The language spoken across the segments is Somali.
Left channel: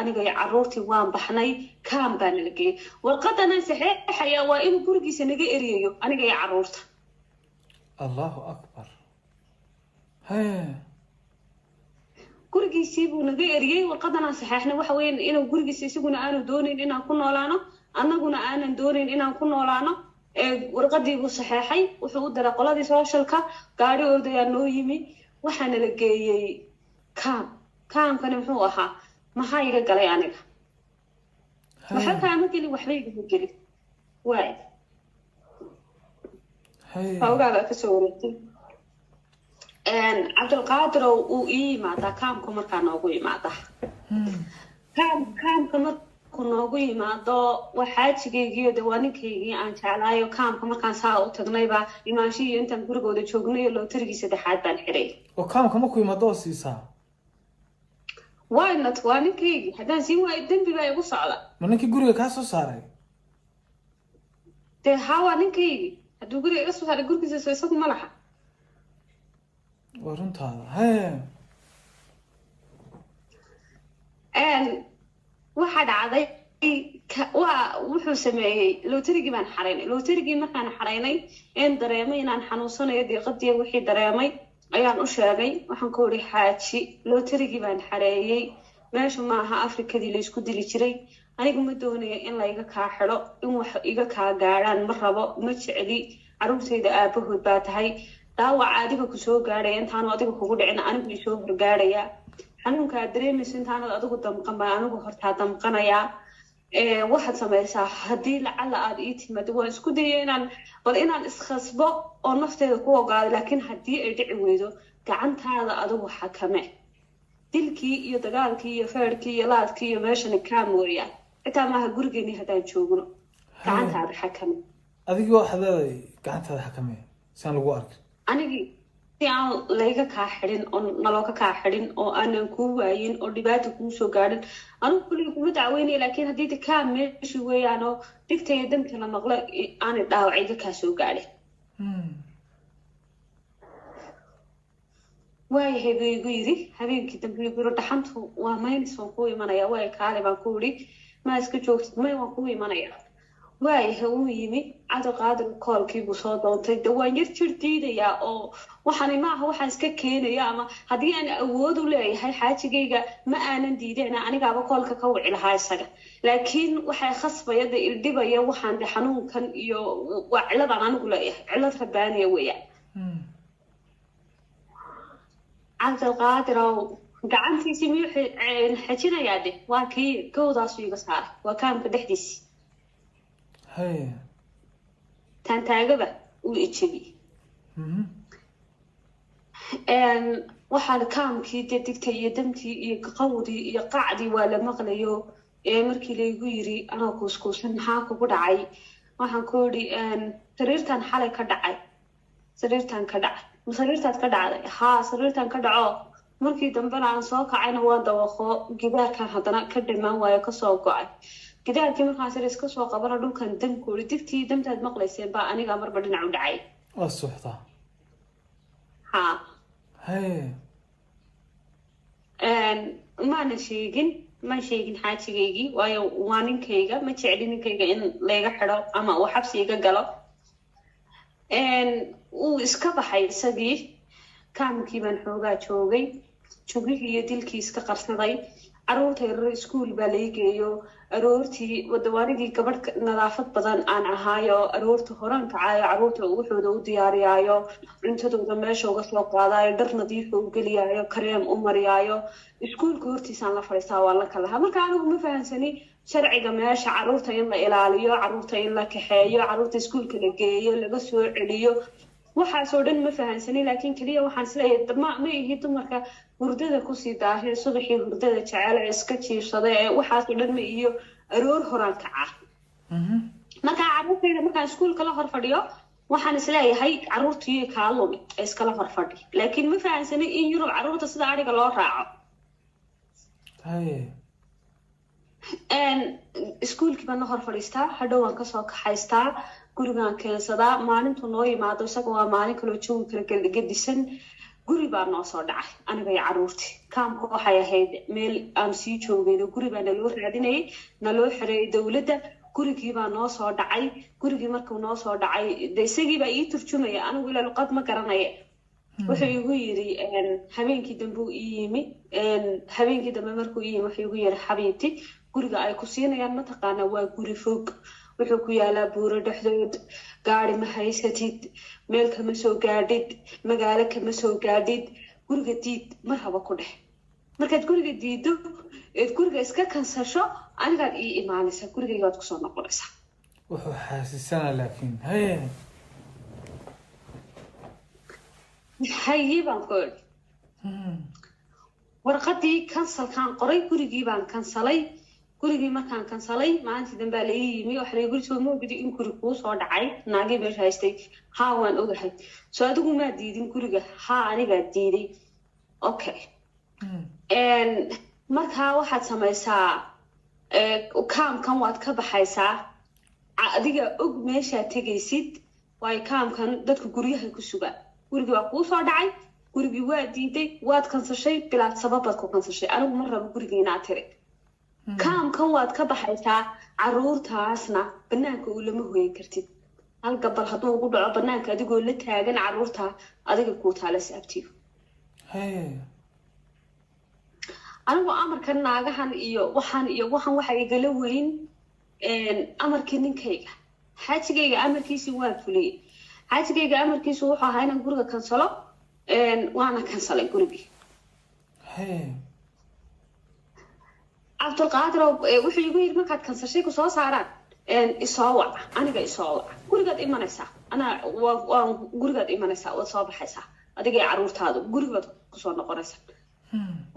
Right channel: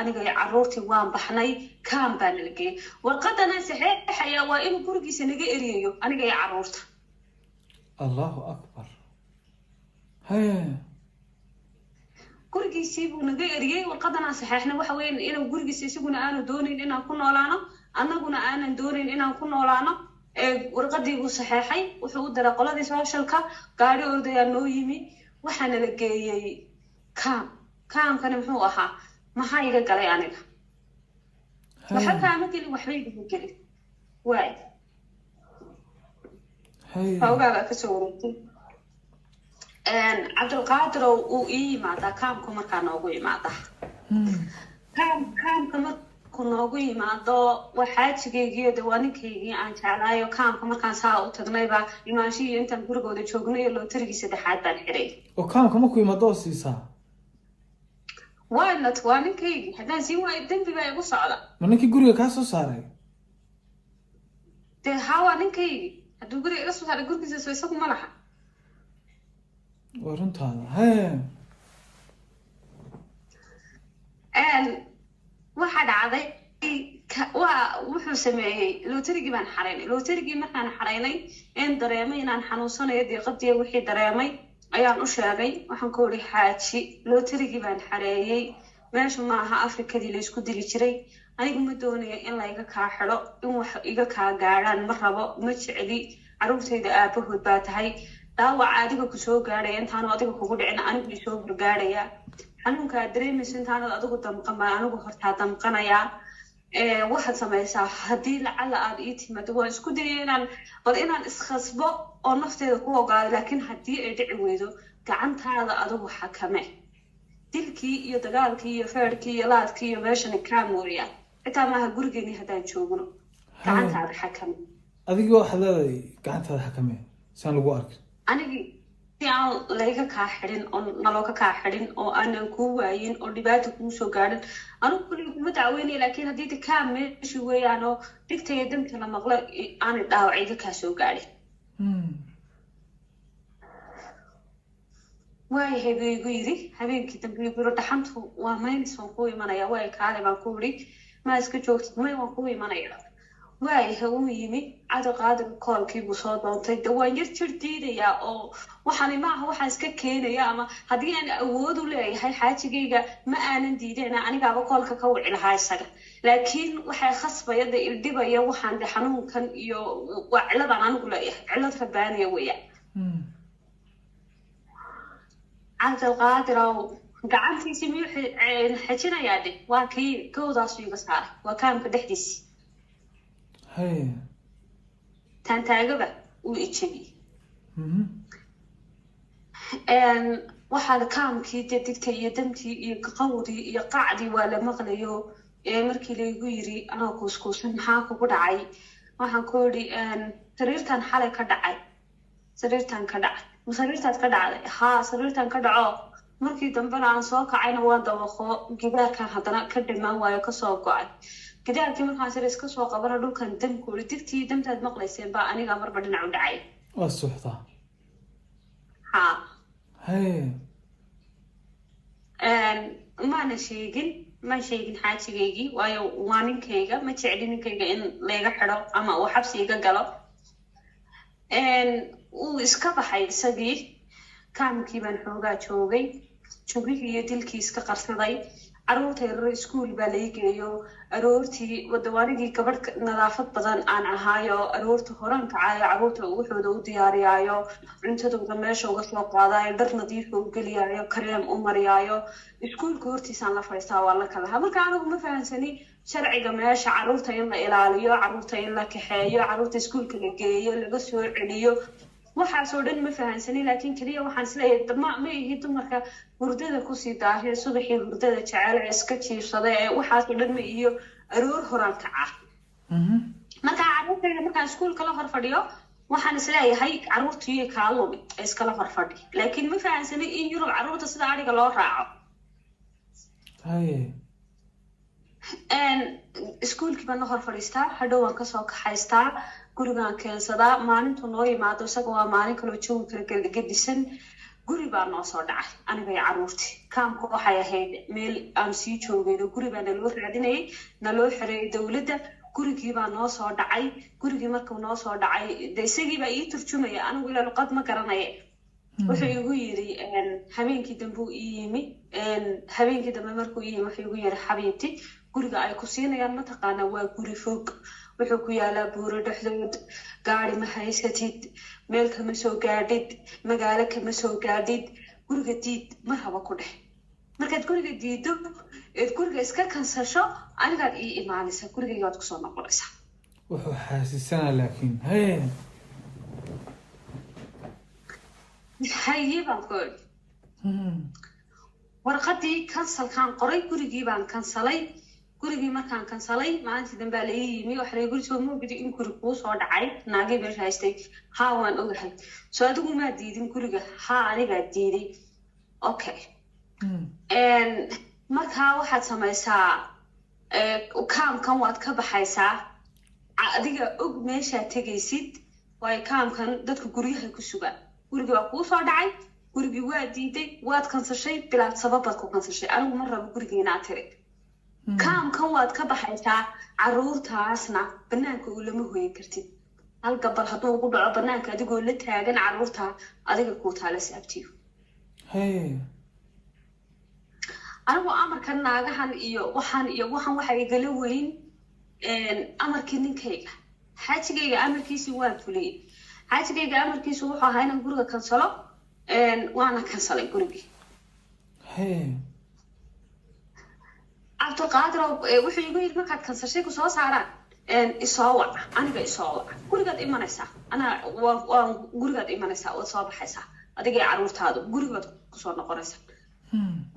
aniga iyo caruurtii waan baxnay kaan baan la geeyay warqadana saxiixaya waa inuu gurigiisa naga eriyayo aniga iyo caruurta allahu akbar haya gurigiisii buu naga eriyay warqadana saxiixna waxa weyn inuu gurigiisa isaguna aanu doonin inaan ku noolaano annaguna aanan doonin inaan ku noolaano warqadii buu saxiixay wuxuu u daray qoladii socialka gaarigooda ayaa noo yimi waxaana la geeyay kaamkana muxuu ahaa maxaa iga galay aniga waxa kaama gelin waxba iga gelin waay hawgaaga ka soo wareegtay cabdulqaadir uu ii yimaadaa kaamku markaa noogu yimaada kaamka markuu noogu yimaado waxaajigaygii waa ninkaygii aan jeclaayo kaamka markaan saa u tagnayba imaanshihii intaan gurigooda joognay lootarigii saddexaad baan xiray oo kaamka markuu yimaado oo siisaa waynat waa ninkaygii haddaan siin waayo dembi baa igu socda ma ninkii guriga kaa soo saaray dee haa waa ninkaygii hadduu guriga iga soo saaray gurigiisa soo isagu ma laha waa runtaada haya waxaa dhacday wuxuu sameeyey lootarigii baan xaraynay lootarigii markaan xaraynay dareemay inaan xanuunsanayo deeqadii wixii dareemay ayaan u sheegay waxaan ku iri xaaji lootarigii baan xareeyey meesha maaha afrikadii la isku dili jiray anigu ma doonayo in layga kaa xidho in wax iga kaa gaadhaan ma rabo ma jecli caruurtayda aabahood baa tahay dhaawac adiga ku soo gaadhay intaanu adiga kugu dhicin anigu isoo gargaadhaya xanuunka aad dareemayso intaanad adigu damqan baa anigu hortaa damqanayaa waxaad samaysaa haddii lacala aad ii timaado waan isku dayay inaan iskhasbo oo nafteeda ku ogaado laakiin haddii ay dhici weydo gacantaada adigu xakame dilkii iyo dagaalkii iyo feerkii iyo laadkii iyo meeshani kaa mooyaan xitaa maaha gurigeeni haddaan joogno gacantaada xakame adigii waxaad leedahay gacantaada xakame saan lagu arkay anigii si aan layga kaa xidhin oo nalooga kaa xidhin oo aanan kuu waayin oo dhibaata kuu soo gaadhin anigu kulliga kuma dacweynaya laakiin haddii de kaa meeshi weeyaan oo dhigtaya damta la maqlo aanay dhaawacayga kaa soo gaadhin waayahay buu igu yidhi habeenkii dambe igu yidhi dhaxantu waa maynis waan kuu imanaya waay kaale baan ku idhi maa iska joogtid may waan kuu imanaya waayahay uu yimi cabdiqaadir koolkii buu soo doontay de waan yar jir diidayaa oo waxaani maaha waxaan iska keenaya ama haddii aan awood u leeyahay xaajigayga ma aanan diideen anigaaba koolka ka wici lahaa isaga laakiin waxay khasbaya de ildhibaya waxaan de xanuunkan iyo waa ciladaan anigu leeyahay cilad rabaanaya weeyaan cabdilqaadir ow gacantiisii miyuu xejinayaa de waa kii gowdaasu iga saaray waa kaamka dhexdiisii taantaagaba uu ijabiyey waxaa kaamkii de digtay iyo damtii iyo qawdii iyo qacdii waa la maqlayo markii laygu yiri anoo kuuskuusan maxaa kugu dhacay waxaan ku idhi sariirtan xalay ka dhacay sariirtan ka dhacay sariirtaad ka dhacday haa sariirtan ka dhaco markii dambena aan soo kacayna waan dawaqo gidaarkan haddana ka dhamaan waayo kasoo go-ay gidaarkii markaan sir iska soo qabana dhulkan damku iri digtii damtaad maqlayseen baa aniga marba dhinac u dhacay waa suuxdaa haa haye maana sheegin xaajigaygii waayo waa ninkayga ma jecli ninkayga in layga xidho ama uu xabsi iga galo uu iska baxay isagii kaamkii baan xoogaa joogay jugihii iyo dilkii iska qarsaday caruurtay rar iskuul baa lay geeyo aroortii wadawaanigii gabadh nadaafad badan aan ahaayo aroorta horaan kacaayo caruurta wuxuuda u diyaariyaayo cuntadooda meesha uga soo qaadaayo dhar nadiifa u geliyaayo kareem u mariyaayo iskuulka hortiisaan la fadhiistaa waa la kalahaa marka anigu ma fahamsani sharciga meesha caruurta in la ilaaliyo caruurta in la kaxeeyo caruurta iskuulka la geeyo laga soo celiyo waxaasoo dhan ma fahamsani laakiin keliya waxaan isleeyahay ma ihi dumarka hurdada kusii daahee subaxii hurdada jecel ee iska jiifsada ee waxaasoo dhan ma iyo aroor horaan kaca markaa caruurtayda markaan iskuulka la hor fadhiyo waxaan isleeyahay caruurtii kaa lumi ee iskala hor fadhi laakiin ma fahamsani in yurub caruurta sida ariga loo raaco iskuulkii baan la hor fadhiistaa hadhow waan kasoo kaxaystaa gurigaan keensadaa maalintu noo yimaado isaga waa maalin kaloo jawi kala gedisan guri baa noo soo dhacay aniga iyo caruurtii kaamka waxay ahayd meel aan sii joogayno guri baa naloo raadinayay naloo xireeyay dowladda gurigii baa noo soo dhacay gurigii markuu noo soo dhacay de isagii baa ii turjumaya anigu ilaa luqad ma garanaya wuxuu igu yiri habeenkii dambe uu ii yimi habeenkii dambe markuu ii yimi wuxuu igu yiri xabiibti guriga ay ku siinayaan mataqaana waa guri fog wuxuu ku yaalaa buuro dhexdood gaari ma haysatid meel kama soo gaadhid magaalo kama soo gaadhid guriga diid mar haba ku dhex markaad guriga diido eed guriga iska kansasho anigaad ii imaanaysaa gurigaygaad kusoo noqonaysaa wuxuu xaasisanaa laakiin haye baan ku idhi warqadii kansalkaan qoray gurigii baan kansalay gurigii markaan kansalay maalintii dambe la ii yimi waxa la guri soo moogdi in guri kuu soo dhacay naagay meesha haystay haa waan ogahay soo adigu maa diidin guriga haa anigaa diiday okay markaa waxaad samaysaa kaamkan waad ka baxaysaa adiga og meeshaad tegaysid waayo kaamkan dadka guryahay ku sugaan gurigii waa kuu soo dhacay gurigii waa diiday waad kansashay bilaad sababaad ku kansashay anigu ma rabo gurigii inaad tiri kaamkan waad ka baxaysaa caruurtaasna banaanka uu lama hooyin kartid hal gabal hadduu ugu dhaco banaanka adigoo la taagan caruurta adiga kuu taala saabtiyo anigu amarkan naagahan iyo waxaan waxa igala weyn amarkii ninkayga xaajigayga amarkiisii waan fuliyey xaajigayga amarkiisu wuxuu ahaa inaan guriga kansalo waana kansalay gurigii cabdulqaadir wuxuu igu yidhi markaad kansashay ku soo saaraan isoo waca aniga isoo waca gurigaad imanaysaa waan gurigaad imanaysaa waad soo baxaysaa adiga iyo caruurtaadu gurigaad kusoo noqonaysaa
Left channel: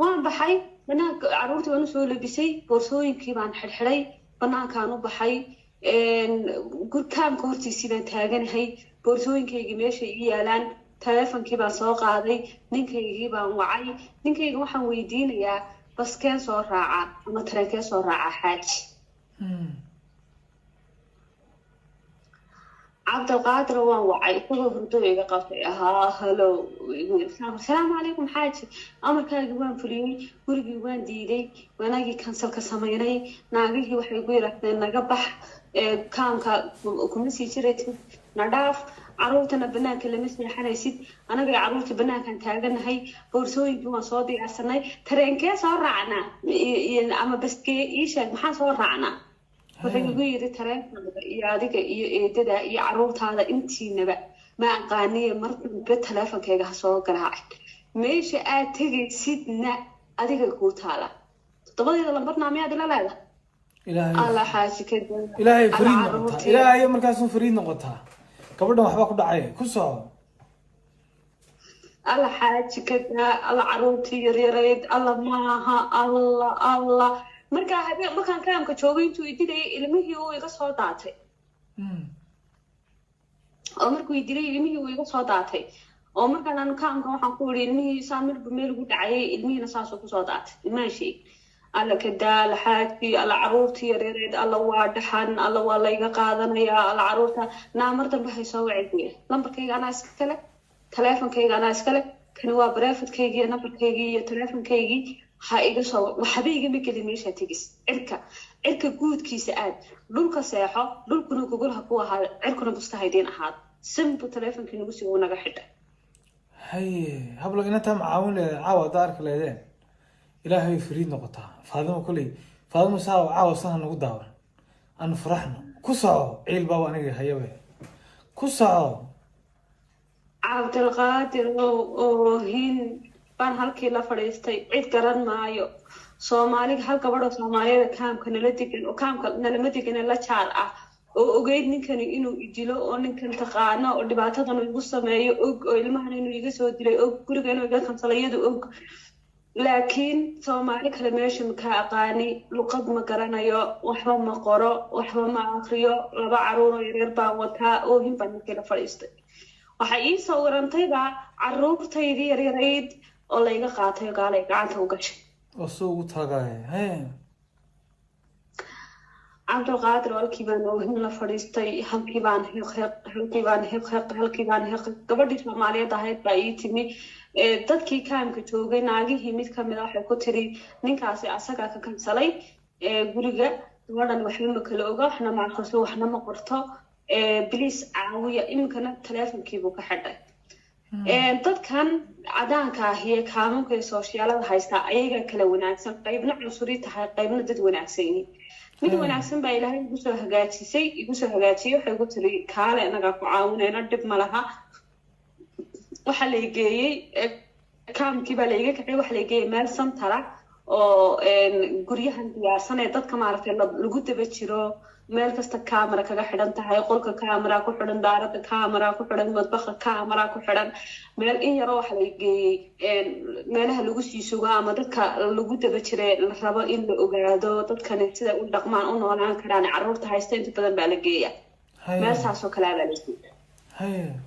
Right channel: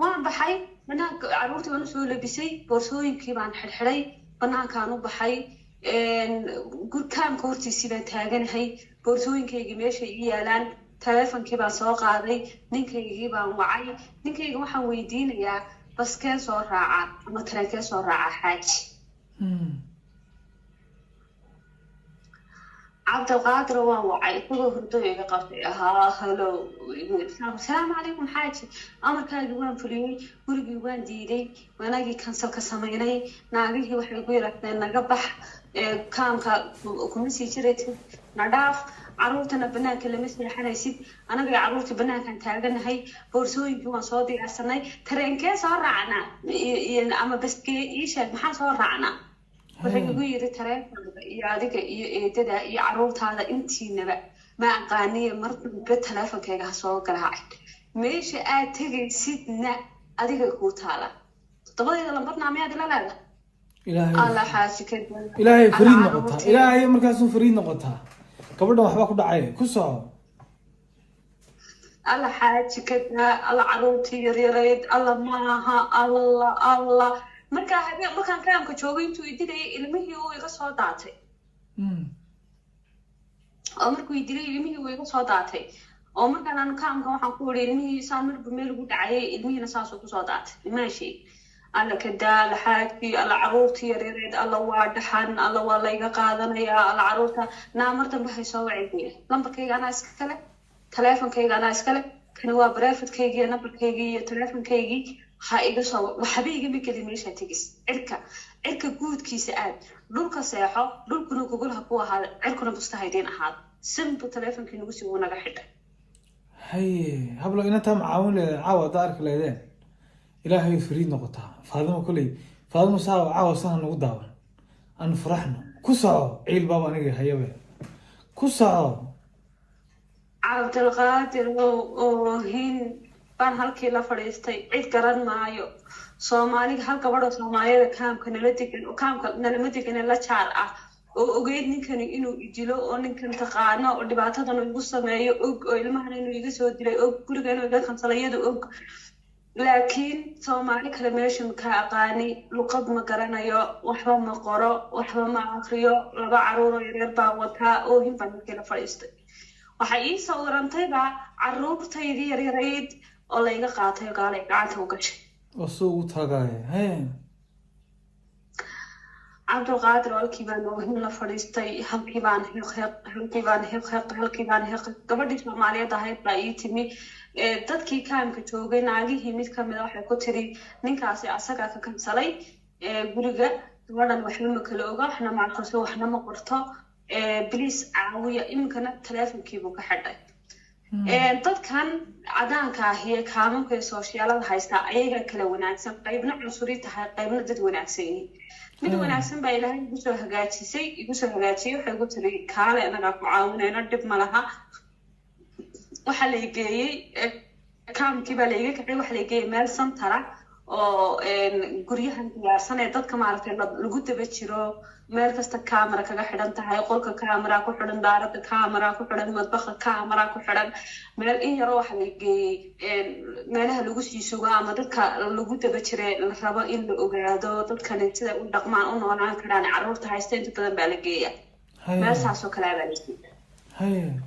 waan baxay banaanka caruurtii waan usoo labisay boorsooyinkii baan xidhxidhay banaankaan u baxay kaamka hortiisii baan taaganahay boorsooyinkaygii meeshay ii yaalaan teleefonkii baan soo qaaday ninkaygii baan wacay ninkayga waxaan weydiinayaa baskeen soo raacaa ama tareenkee soo raacaa xaaji cabdilqaadir waan wacay isagoo hurdo iga qabtay ahaa halo asalaamu calaykum xaaji amarkaagii waan fuliyey gurigii waan diiday wanagii kansalka samaynay naagihii waxay ku yirahdeen naga bax kaamka kuma sii jiraysid na dhaaf caruurtana banaanka lama seexanaysid anaga iyo caruurta banaankaan taaganahay boorsooyinkii waan soo diyaarsanay tareenkee soo raacnaa ama baskee ii sheeg maxaan soo raacnaa wuxuu igu yiri tareenkaaga iyo adiga iyo eedada iyo caruurtaada intiinaba ma aqaaniye mar dambe teleefonkayga ha soo garaacin meesha aad tegaysidna adiga kuu taala todobadeeda lambarnaa miyaad ila leedahay alla xaaji ka ilaahay fariid noqotaa ilaahay markaasuu fariid noqotaa gabadhan waxba ku dhacay ku soco alla xaaji ka alla caruurtii yaryareed alla maaha alla markaan kaamka joogay intuu ididayay ilmihii uu iga soo daatay oo markuu idilay ilmihii uu iga soo daatay oo markaan aan kaamka waxaan ku yidhi ilmihii saa marba meel ugu dhacayay ilmihiina saasoo kusoo daatay ilmaha sheeg alla ka daal xaajii alla caruurtii yaryareed alla waa dhaxan alla waa layga qaadanayaa alla caruurta naa mar dambe hay soo wacay buya lambarkayga anaa iskale teleefonkayga anaa iskale kani waa bareefadkaygii nambarkaygii iyo teleefonkaygii ha iga soo waxba igama gelin meeshaa tegis cirka guudkiisa aad dhulka seexo dhulkuna gogolha ku ahaada cirkuna mustahaydiin ahaada sinbu teleefonkii nagu sii uu naga xidhay haye hablo inantaa macaawin leedeen caawa haddaa arki leedeen ilaahay fariid noqotaa faadimo kolley faadimo saa caawa sana nagu daawan aanu faraxno ku soco ciil baaba aniga hayabe ku soco cabdilqaadir oohin baan halkii la fadhiistay cid garan maayo soomaaliga hal gabadhoo soomaaliyada kaamka nala degan oo kaamka nalama degane la jaar ah oo ogeyd ninkani inuu idilo oo ninkan taqaano oo dhibaatadan igu sameeyo og oo ilmahan inuu iga soo dilay og guriga inuu iga kansalayadu og laakiin soomaali kale meesha makaa aqaani luqad ma garanayo waxba ma qoro waxba ma akriyo laba caruuroo yareer baan wataa oohin baan markii la fadhiistay waxay ii sawirantayba caruurtaydii yaryarayd oo layga qaatay gaalay gacanta u gashay oo soo ugu taagay cabdilqaadir halkii baan oohin la fadhiistay halkii baan hiq gabadhii soomaaliyeed ahayd baa ii timi dadkii kaamka joogay naagihii mid kamid ah waxay ku tiri ninkaasi asagaa ka kansalay guriga gabadhan waxba ma kala oga waxna ma aqriso waxna ma qorto please caawiya iminkana teleefonkiibuu ka xidhay dadkan cadaanka ah iyo kaamunka iyo sooshiyaalada haystaa ayaga kala wanaagsan qaybna cunsuri tahay qaybna dad wanaagsan yihiin mid wanaagsan baa ilaahay igu soo hagaajiyey waxay ku tiri kaale anagaa ku caawinayna dhib ma laha waxaa la geeyey kaamkii baa laiga kacay waxaa la geeyey meel santara oo guryahan diyaarsan ee dadka maaragtay lagu daba jiro meel kasta camera kaga xidhan tahay qolka camera ku xidhan daarada camera ku xidhan madbaxa camera ku xidhan meel in yaro waxa la geeyey meelaha lagu sii sugo ama dadka lagu daba jiray la rabo in la ogaado dadkan sida u dhaqmaan u noolaan karaan carruurta haysta inta badan baa la geeyaa meel saas oo kale baa la geeyaa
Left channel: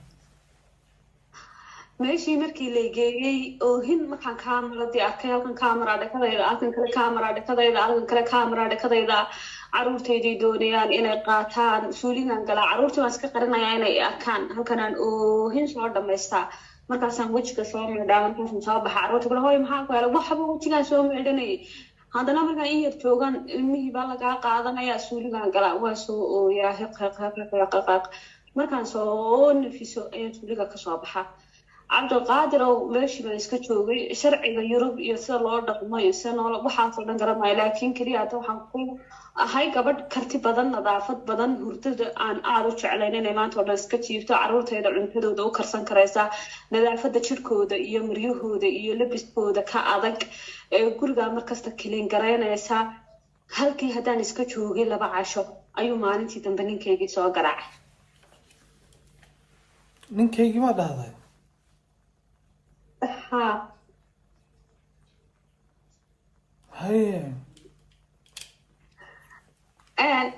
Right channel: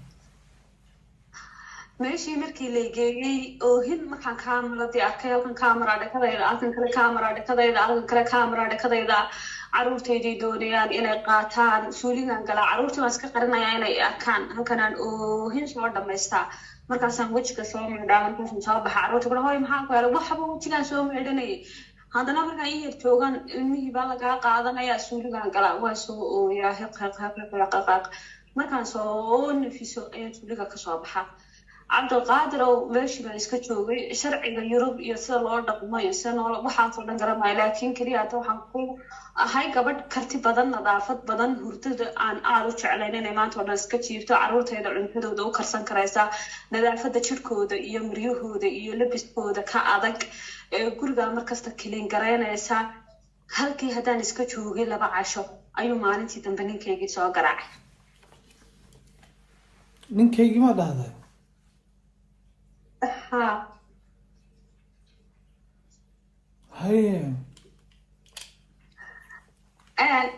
meeshii markii la geeyey oohin markaan kaameradii arkay halkan camera dhakadayda halkan kale camera dhakadayda halkan kale camera dhakadayda carruurtayday doonayaan inay qaataan suuligan galaa carruurtii waan iska qarinayaa inay arkaan halkanaan oohin soo dhamaystaa markaasaan wejiga soo meedhaa markaasaan soo baxa carruurta kale hoy maxaa ku helay waxba wejigaan soo meedhanayay haddana markaan in yar joogan ilmihii baa lagaa qaadanayaa suuligan galaa waa soo ooyaa hiqaq markaan soo nafiso ayaan suuliga kasoo baxa cabdiqaadirow meeshii baan iska joogay sharciga yurub iyo sida loo dhaqmo iyo sida noola waxaasoo dhan garanayo laakiin keliya hadda waxaan ku ahay gabadh karti badan nadaafad badan hurdada aan aada u jeclayn inay maanta oo dhan iska jiifto carruurtayda cuntadooda u karsan karaysaa nadaafada jirkooda iyo maryahooda iyo labiskooda ka adag gurigaa markasta kilin garaynaysaa halkii haddaan iska joogay 2 casho ayuu maalintii dambe ninkaygii soo garaacay ninkaygii ma dhahday هاي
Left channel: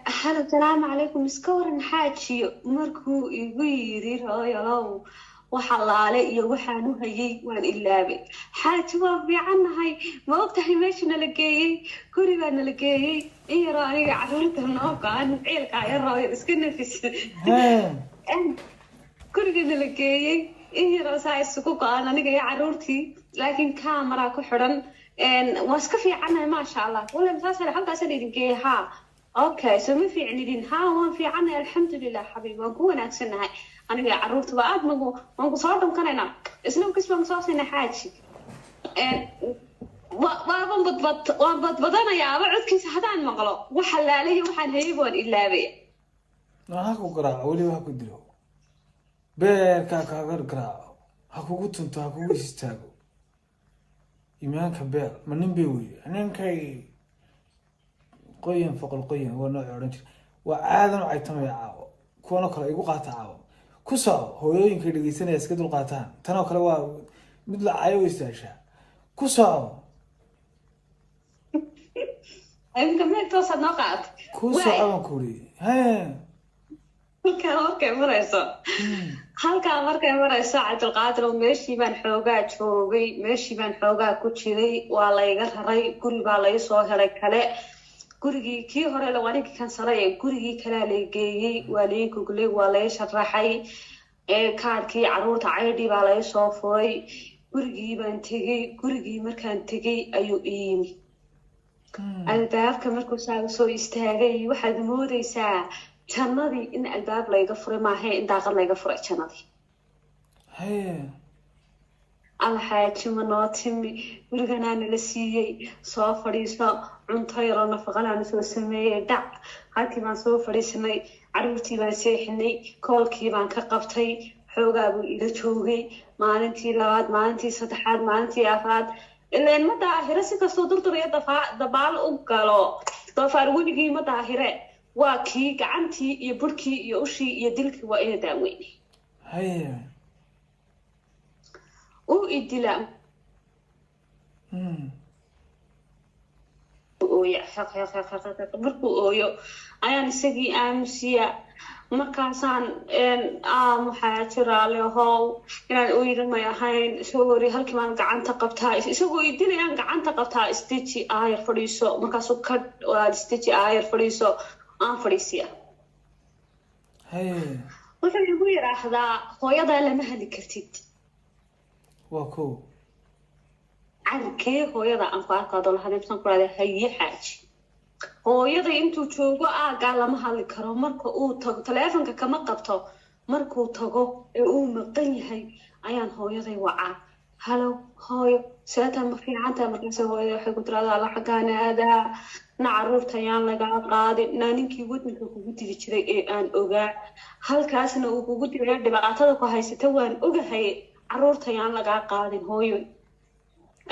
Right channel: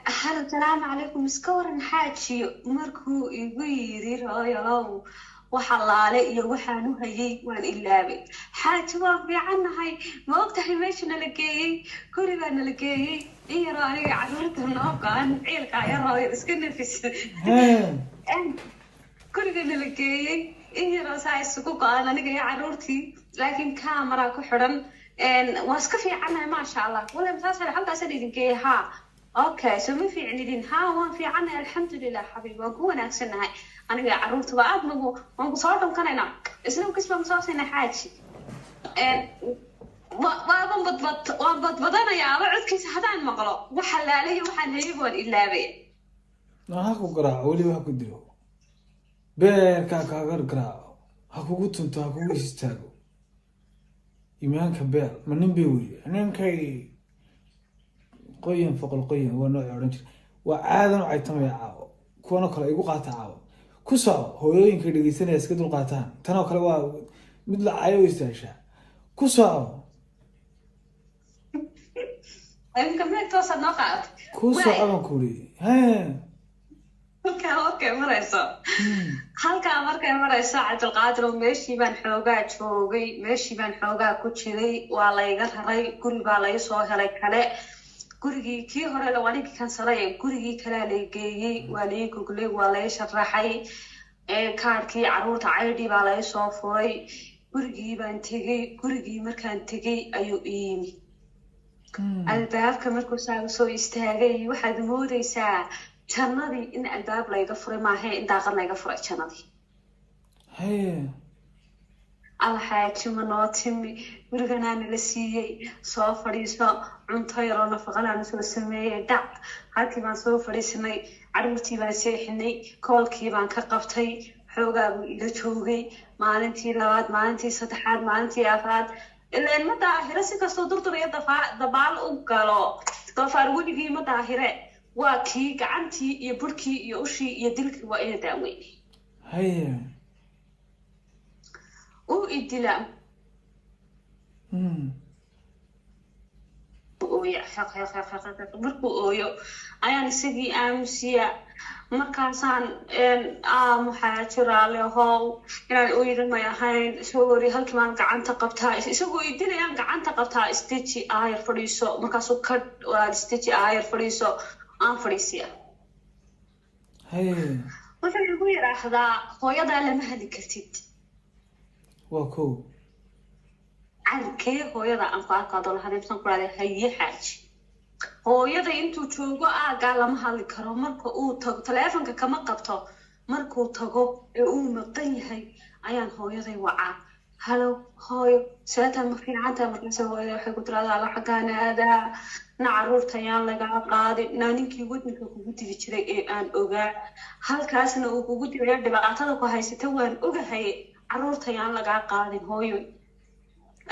هلا السلام عليكم مسكورن حاجي مركو يغيري رايلو وحلالي iyo waxaan u hayay waan ilaabay xaaji waa fiicannahay ma ogtahay meeshana la geeyay gurigaana la geeyay iyo aniga carruurta noo qaan ciilka yaroo iska nafis gurigaana la geeyay iyo saa isugu qaan aniga iyo carruurtii laakiin camera ku xidhan waa iska fiicannahay maasha allah wala masaasal halkaas idin geeyay ha okay so ma fiicnidin ha waan fiicannahay alxamdulilah xabiib waan ku wanaagsanahay aniga carruurta waa aad nagu waan ku soo dhankanayna isla kasbaan soo siinay xaaji waan badbadanayaa ama codkiisa haddaan maqlo waxa laalayo waxaan hayay waan ilaabay ha ku garaaco weli ha ku dilo beerkaa kaaga garaaco ha kugu tunto ha kugu istaago iimaanka beer ma nin bay weye ninkay qoyan foqol qoyan waa nooc odhan jira waa aadan u caytamaya caawo kuwana kale igu qaata caawo ku soco hooyooyinkay dhegeysanaya iska dul qaataan tanoo kale waa mid la cayo o istaashaa ku soco ku soco baan ku uri halkaa markay marayso cabdilqaadir meeshii baan xoogaa joogay meeshii baan xoogaa ku jiray waa layga raray guri baa laga soo helay kale gurigii kii hore lawanigii kansalay gurigii kalea lay geeyey waa lay goglay waa lay sharaxay kaarkii carruurta caydhii baa laga soo furay gurigii baan tegey gurigii markaan tegey ayuu iyimi albaabka markuu saaga soo istaagay waxaad moodaysaa jannadii in albaab layga furay maaha in daaqad layga furay jannadii alxaaji ma noo timi guriganaa nala siiyey soo fadhiiso cunto yaroo nafaqanaana soo sameeyey dhac halkii baan soo fadhiisanay carruurtii baan seexinay koolkii baan ka qabtay xoogaa buu ila joogay maalintii 2aad maalintii 3aad maalintii 4aad ileen ma daahire si kastoo durdur iyo dabaal u galo doofaar weligii ma daahire waa kii gacantii iyo burkii iyo ushii iyo dilkii waa ina daaweynay u idila markuu ooyo ayaan isagii aamusiya markaasaan maxaa jiraale how inaan ooyida may ahayn isagoo wari halkii baan gacanta qabtaa isagoo idilayaan gacanta qabtaa isteji aayar fadhiiso markaasuu ka isteji aayar fadhiiso aan fadhiisiya wuxuu igu yidhaahdaa hooyadaa lama hali kartid واكو carkee hooyada aan ku arkaado la hadibsan ku raadey haye xaaji hooyada intuu joogo aagaa lama hadli karo marka uu tago taleefanka kama qabto markuu tago ee uu maqan yahay ayaan hooyaday wacaa halo hooyo seetaan ma fiicantaa markaase hooyada waxay ku tiraahdaa alla xaggaan aadaa na caruurta ayaan lagaa qaadin naa ninkii waddanka kugu diri jiray ee aan ogaa halkaasna uu kugu diraya dhibaatada ku haysata waan ogahay caruurta ayaan lagaa qaadin hooyo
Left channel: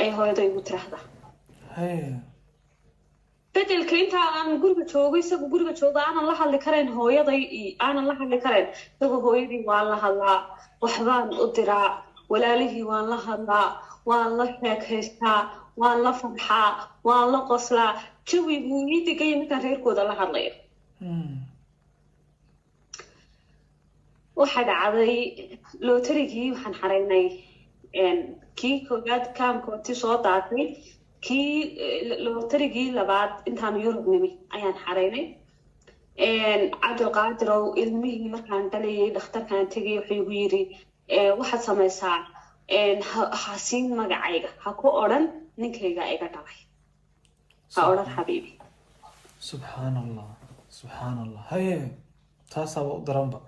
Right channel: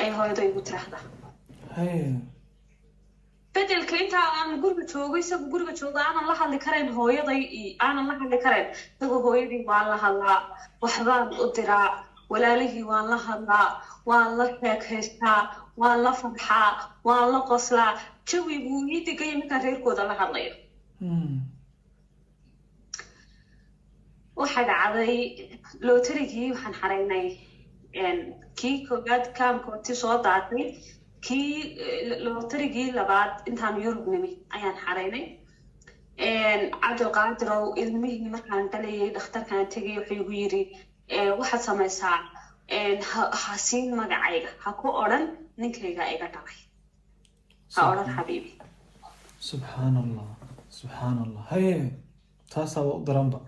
ay hooyada igu tiraahdaa هاي bedelka inta aan guriga joogo isagu guriga joogo aanan la hadli karayn hooyaday aanan la hadli karayn isagu hooyadii waan la hadlaa waxbaan u diraa walaalihii waan la hadlaa waan la sheekaystaa waan la farxaa waan la qoslaa jawi buu ii degaya markaan reerkooda la hadlayo waxaa dhacday lootarigii waxaan xaraynay kii koowaad kaamkooti soo daatay kii lootarigii labaad intaan Yurub nimi ayaan xaraynay cabdulqaadirow ilmihii markaan dhalayay dhakhtarkaan tegay wuxuu igu yiri waxaad samaysaa ha siin magacayga ha ku odhan ninkayga iga dhalay ha odhan xabiibi سبحان الله سبحان الله هاي تاسا ضربا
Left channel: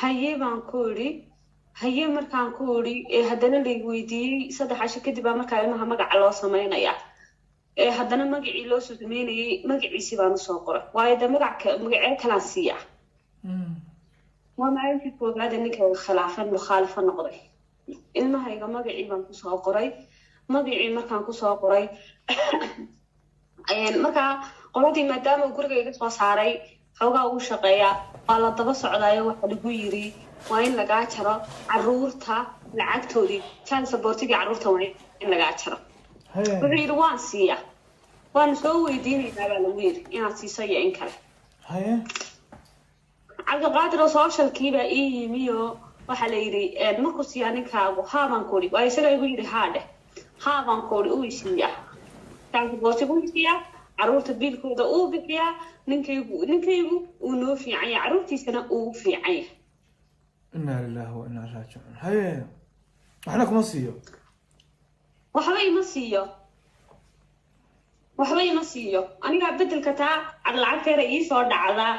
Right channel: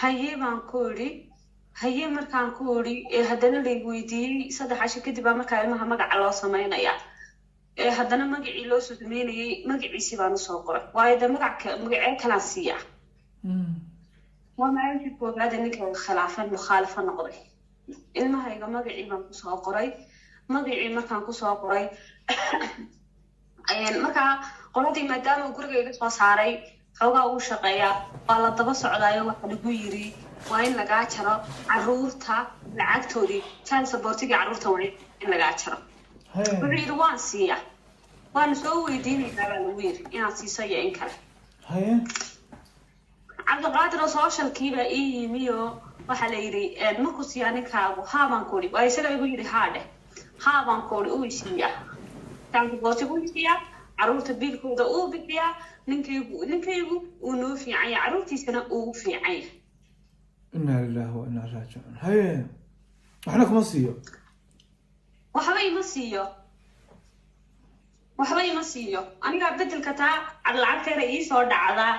haye baan ku iri haye markaan ku iri haddana la weydiiyey 3 casho kadib baa markaa ilmaha magaca loo samaynayaa haddana magacii loo soo sameynayay magaciisii baan usoo qoray waayo de magacee kalaan siiyaa waa maalintii koowaad ninka mukhaalifa noqday ilmahayga magacii baan kusoo qoray magacii markaan kusoo qoray markaa qoladii maadaama uu guriga iga soo saaray xoogaa uu shaqeeyaa waa la daba socdaayo waxa lagu yiri waa in lagaa jaro caruurta lacagtoodii child supportigii caruurta waa in lagaa jaro wuxuu yiri waan siiyaa waan soo weydiinaynaa baa lagu yiri inaad siiso iyo in kale cabdulqaadir oo socialkii baa ii yimi oo waxaa la yiri markuu siiyaa ninkaagu haa baan ku iri waa isaga igu yiri haa dheh haa baan ku iri uu siiyaa child supportigu uu siiyaa caruurta biilkooda uu bixiyaa ninkaygu uu noo fiican yahay caruurtiisana uu fiican yahay inna lillahi wa inna ilaihi raaji'uun haye waxna kuma siiyo waxba ima siiyo aniga bedelka taa lacagteeda ii soo dhacdaa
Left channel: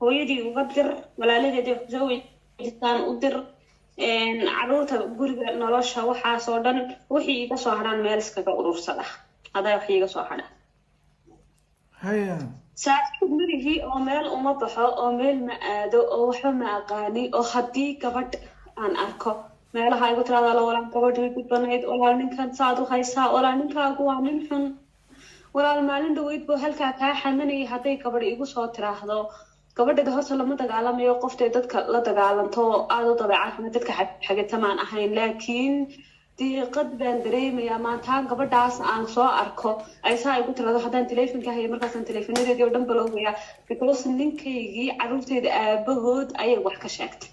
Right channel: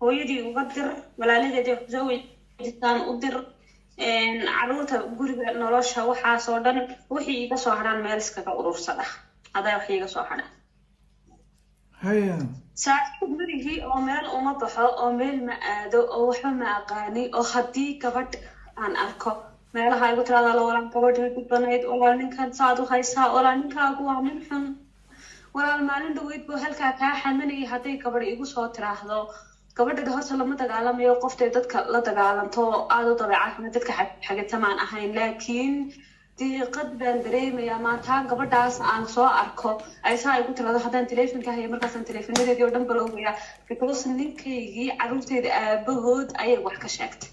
hooyadii uga dir walaaladeedii wax soo weydiistaan u dir caruurta guriga nolosha waxaasoo dhan wixii iga soo hadhaan meel iskaga urursada haday wax iga soo hadhaan هيا saaxiib marigii oo meel uma baxo oo meel ma aado oo waxba ma aqaani oo haddii gabadh aan arko meelaha igu tiraahdaa la walaan gabadhii gudbanayd walaal ninkan saad u haysaa walaal ninkaagu waa nin xun walaal maalin dhaweyd buu halkaa kaa xamanayay hadday gabadh igu soo tiraahdo gabadhada horta lama dagaalamayo qoftay dadka la dagaalanto aada u dabeecad dadka xagitamaan ahayn laakiin diiqad baan dareemayaa maanta gabadhaas aan soo arko ay saa igu tirado haddaan teleefonka hayo markaasaan teleefonadeedii oo dhan balowgaya because ninkaygii caruurteeda aabahood ayay wax ka sheegtay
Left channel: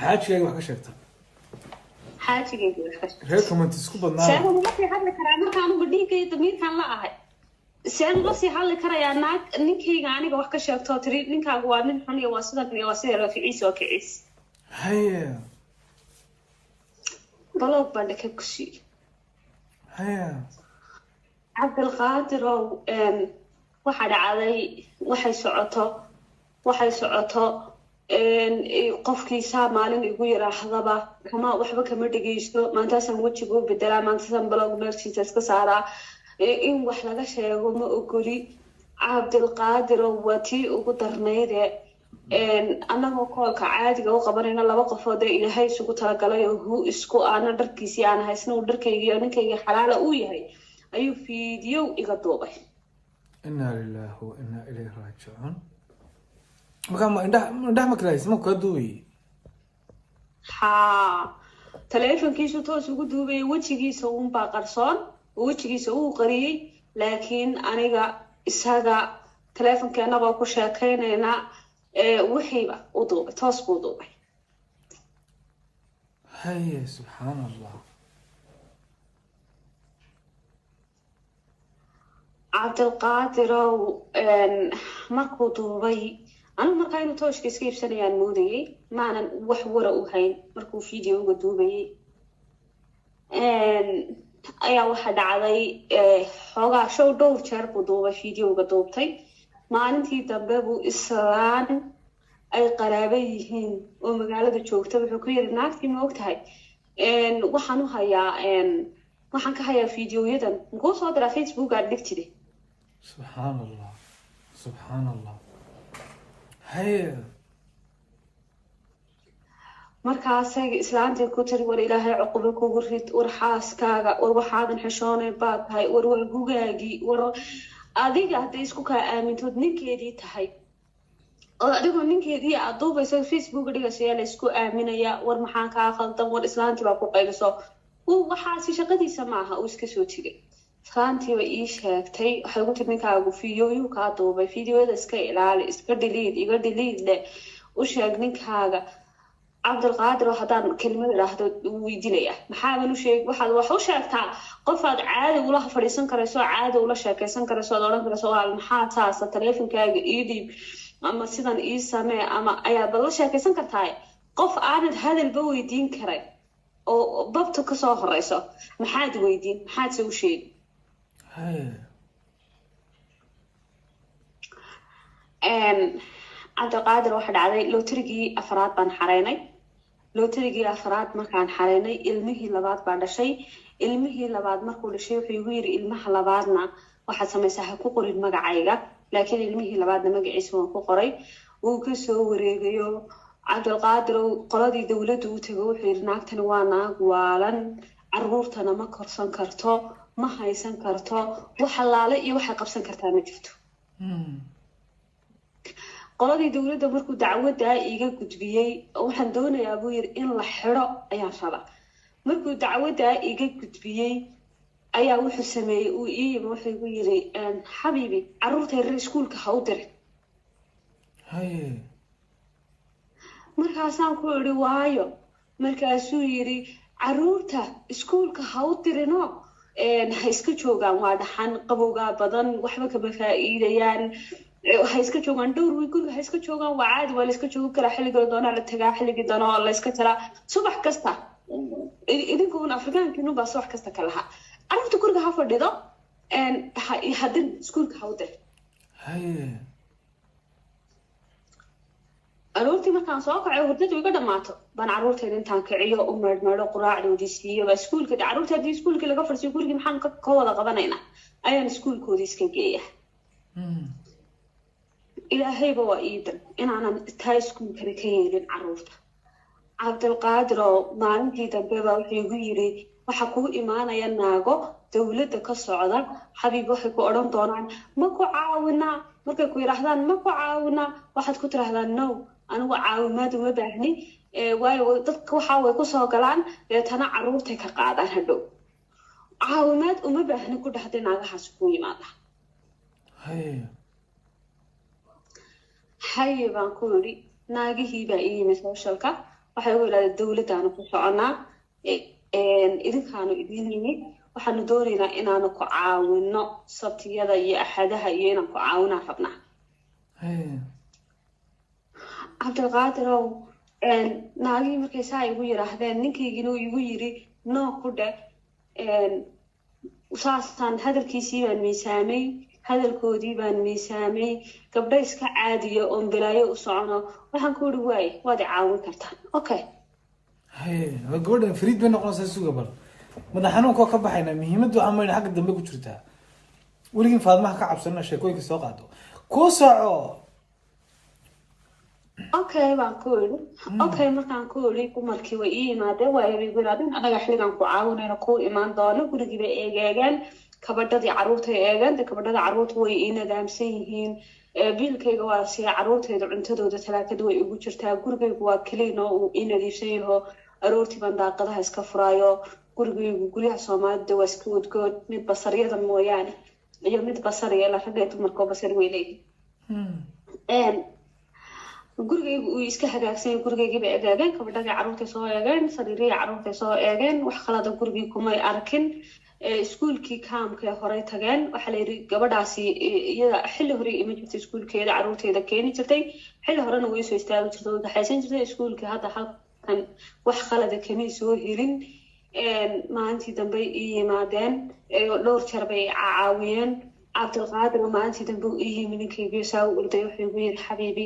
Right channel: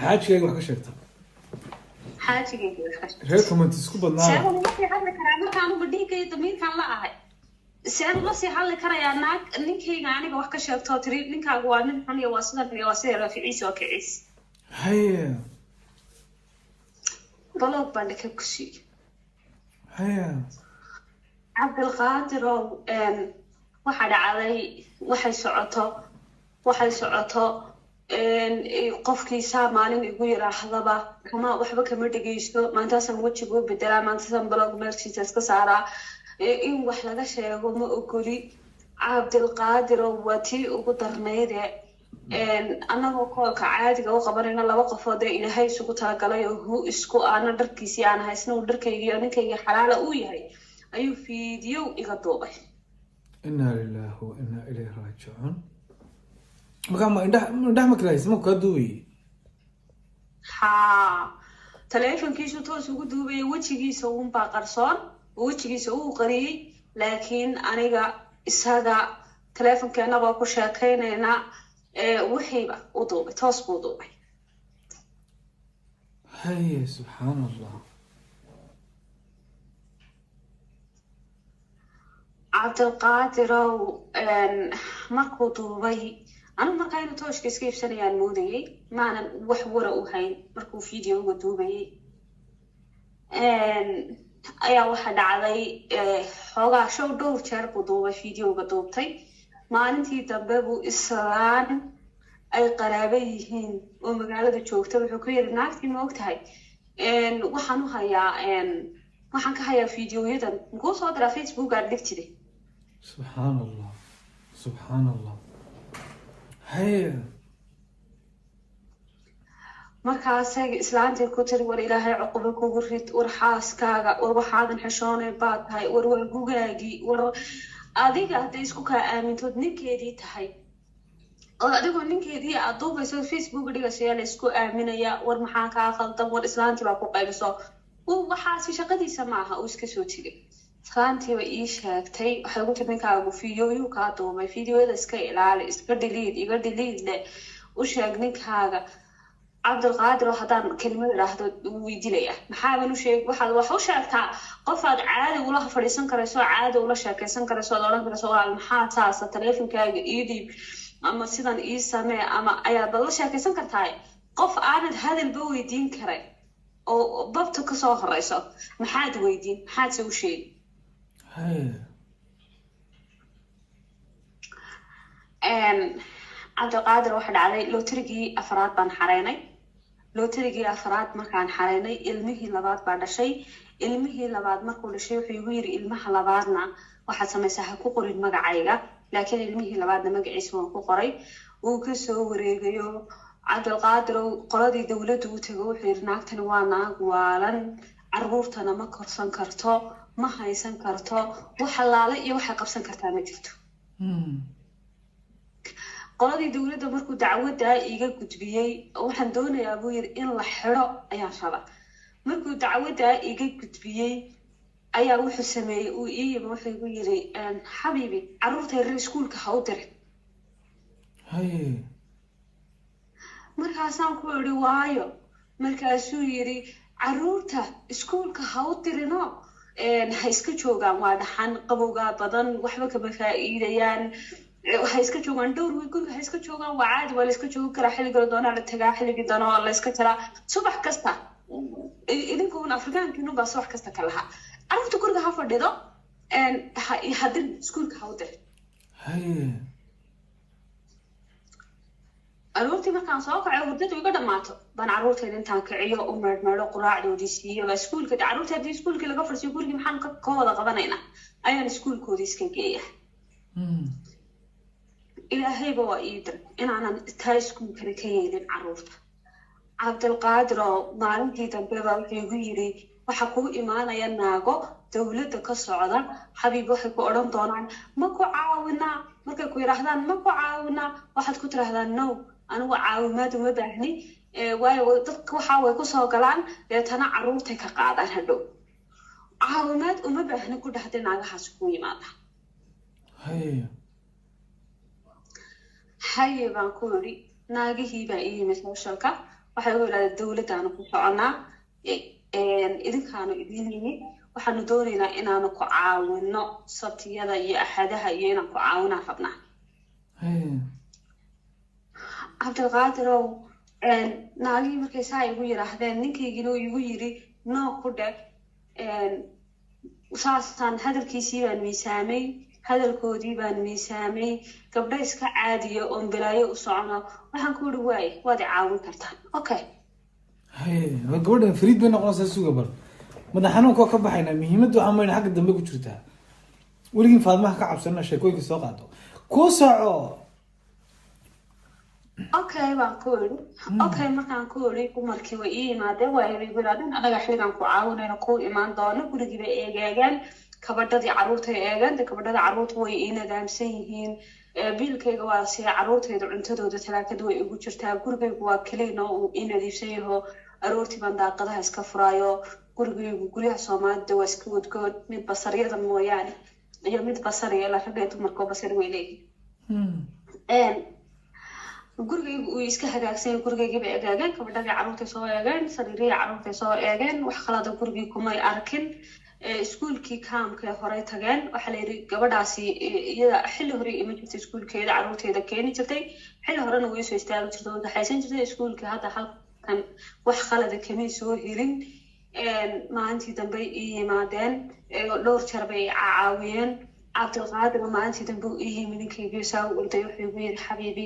xaajigayga wax ka sheegtay xaajigayga wax ka sheegtay reer comment isku badnaa saan uma sii hadli karaa markaan uba dhiigay damiirkaan la ahay saan uma sii hadli karayaa naag ninkayga aniga wax ka sheegto tiri ninkaagu waa nin xun iyo waa sidan iyo waa sida raaficiis oo kiciis haye baloog baan dhaka ku siiyey haye cabdulqaadirow waxaa dhacday waxay socoto qofkiisaa maalin igu yiraahdaba waxba kama dhegeysto maantaasaan wejiga u bedelaa maantaasaan baloog meelkiisa iska saaraa in wax laga sheego ma ogoli cabdulqaadirow waa tii ugu darnayde annagoo koolka caadiga u qabanayna 2 qofood ee ilaahay isugu talagalay oo hu isku aana dharkiisii aan haysna uu dharkaygii oo ninkayga xalaala uu yahay ayuu fiidiyow iga duubay inna lillahi wa inna ilayhi raaji'uun marka ma indhaha ma karays ma ka duubi haa teleefonkiisu toos ugu duubay wejigiisa uun baa qarsoon wejigiisa uu qariyay laakiin aniga isaga teleefonkeena baa ku sheekaynayna وحيبة وضوبة توصف وضوبة هاي سبحان الله عبد القادر مركو ضوبي أنا مركاين توش كيف سنة يعني مودي ما أنا وحورة وهاي مركو فيديو قدوبي ayaa waxa dhacday xoogaa show dhowr jeer buu duubay fiidiyowga duubtay maalintii dambe buu islaan ay qaraabo yihiin oo magaalada joogta wuxuu ku yiri naagtii ma ogtahay waxaan ka hayaa fiidiyoyadan muxuu soo diraa Facebook aad dhigtide subxaanallah subxaanallah haye markaasay islaantii ku tiri war ilaahay cuqubo kugu rid war xaaskaaga war waxaadan xishoonay baad tahay war gugaagii war adiga hadday isku kaa aamintood ninkeedii tahay oo adigoo ninkeedii aad duubayso Facebook dhigaysa la isku aaminayaa war maxaa kaa khaldan war islaantii baa ku qayliso waxaasi shaqadiisa maaha uu iska soo tigay islaantii way ii sheegtay waxay ugu tiri ninkaagu fiidiyooyuu kaa duubay fiidiyoyada iska ilaali iska iga dhiliid u sheeg ninkaaga cabdulqaadir haddaan kelimad idhaahdo weydiinaya maxaadan u sheeg waxaad wax u sheegtaa qofaad caadi ula fadhiisan karayso caadi ula sheekaysan karayso ood odhan karayso waa maxaa taasa taleefonkaaga ii dhiib ama sidan ii samee ama ayaad la sheekaysan kartaa qof aanad hadalba weydiin karay oo babta kasoo horeyso maxaad weydiin maxaad se u sheegi cabdulqaadir waxa dhacday lootarigii afraad baan xareynay lootarigii afraad markaan xareynay ilmihii labaad baa dhashay ilmihii labaad markuu dhashay wuxuu igu yiri ilmaha labaadna waxaad samaysaa ha ku qorin magacayga laakiin ilmihii labaadna magaciisa waan ku qoray wuu kasoo wareegayo cabdulqaadir qoladii dowladda u tago wuxuu yiri naagtani waa naag waalan caruurtana ma korsan karto ma haysan karto wax halaale iyo waxay qabsan kartaa ma jirto qoladii dowladda markuu dacwadda iga gudbiyey waxaan doonayaa buu yiri in la xiro ayaan rabaa markuu dacwadda iga gudbiyey ayaa wuxuu sameeyey uu ii yimi wuxuu igu yiri xabiibi caruurta reer iskuulka ha u dirin markaasaan ku iri waayo markaasuu yiri caruurta iskuulka ha u dirino ha iska joogaan waa dhaxan qabowgaa badan waxba kama faa'iidayaan waxay iska joogaan dhowr wiil guriga waxay iska joogaan waa caadi waa la iska joogi karaa xilligii doonaa la tagaa xilligii doonaa waa la iska jiraa subax kasta idinkuun afrikaankiinu baa subax kasta ka lahaa carruurta guriga ha fadhido hadin iskuulka ha u dir aroortii markaan soo kacay hurdadu iga dhammaato baan carruurteeda intaan kiciyo u meedmeedho quraacdoodii siiyo baa iskuulka carruurta haddii iskuulkii laga farsiyo gurigii maxaan ka wada qabanaynaa ayaan iskuulkoodii iska geeya ilaahayba waa ii dir inaanan taa iskuulkana ka yeelin carruurta cabdulqaadir oo maalintii dambe baa wuxuu igu yiri waxa kuu imaanaya naago dowladda ka socda xabiib waxay ku odhan doonaan ma ku caawinaa markay ku yidhaahdaan ma ku caawinaa waxaad ku tidhaahdaan no anigu caawimaad uma baahni waayo dadka waxa way kusoo galaan deetana carruurtay ka qaadaan hadhow caawimaad uma baahni ku dhahday naagahaas ku yimaada haye baan ku yidhi naagihii baa ii yimid socialka waxay ugu yidhahdeen dowladdaanu ku soconaa idinkaanu idin yimid waxaanu doonaynaa inaanu ku caawino sabtiyada iyo axadaha iyo inaan ku caawinaan rabnaa cabdulqaadirow naagihii markay saa igu yidhaahdeen ninkaygina igu yiri noo ku dhe saasaan hadalkiisii baan miisaamay hadalkoodii baan miisaamay gabdho iska caadiya oon balaayo u socono waxaan ku yidhi waaye waad i caawin kartaan okay gabadhan fariid bay noqonaysaa suga bal madax xanuunkoo ka baxayna muhiimaddu waxaa mayna xagga dambe ku jirtaa weligin faadmaha ka cabsanina sheekooyinka soo qaado ku soco okay baan ku yidhi okay markaan ku yidhi dumarkii way ii yimaadeen waa igu yidhahdeen anaga xilligan ku caawinayno kuu imaan doono gurigii bay eegeegeen kabadhadii carruurtay eegeen de kabadhada carruurta way ii nadaamsan yihiin biilkayga waa siya carruurtayda cuntadooda talaakada way igu jirtaa gurigaygu waa keliina uu ii nadiifsan yaho aroortii baan daaqadaha iska furaayo gurigaygu guryaha soomaalida waa iska wadgood mid basaryada mooyaane iyo mid basariya la ragee dumarkoo basari way leeyihin gurigaygu uu iska hagaagsan gurigaygiiba egaageen kabadhadii carruurtay soo eegeen sariirihii carruurtay soo eegeen wax qalada gurigii kumay arkin iskuulkii kaamkee horey tageen waxaa la yidhi gabadhaasi iyada xilli horey ima jirtay iskuulkeeda carruurteeda keeni jirtay xilli horena way soo istaagi jirtay oo waxaysan jirtay iskuulka hadda halkan wax khalada kama soo helin maalintii dambe ii yimaadeen dhowr jeer bay caawiyeen cabdilqaadir maalintii dambe uu ii yimi ninkaygiio saa u orday wuxuu igu yiri xabiibi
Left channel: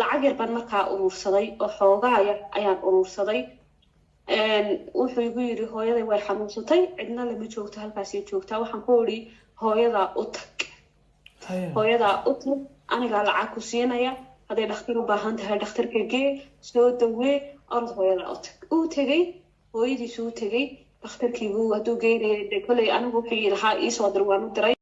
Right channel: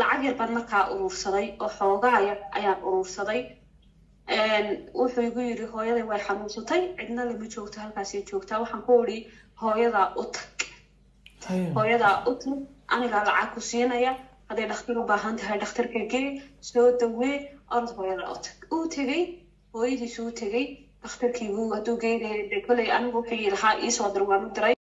lacag yar baan markaa urursaday oo xoogaaya ayaan urursaday wuxuu igu yiri hooyaday way xanuunsatay cidna lama joogto halkaasay joogtaa waxaan ku idhi hooyadaa u tag hooyadaa u tag anigaa lacag ku siinaya hadday dhakhtar u baahan tahay dhakhtarka gee soo dawee orod hooyadaa u tag uu tegey hooyadiisu u tegey dhakhtarkiibuu hadduu geynaya de koley anigu wixii lahaa iisoo dir waan u diray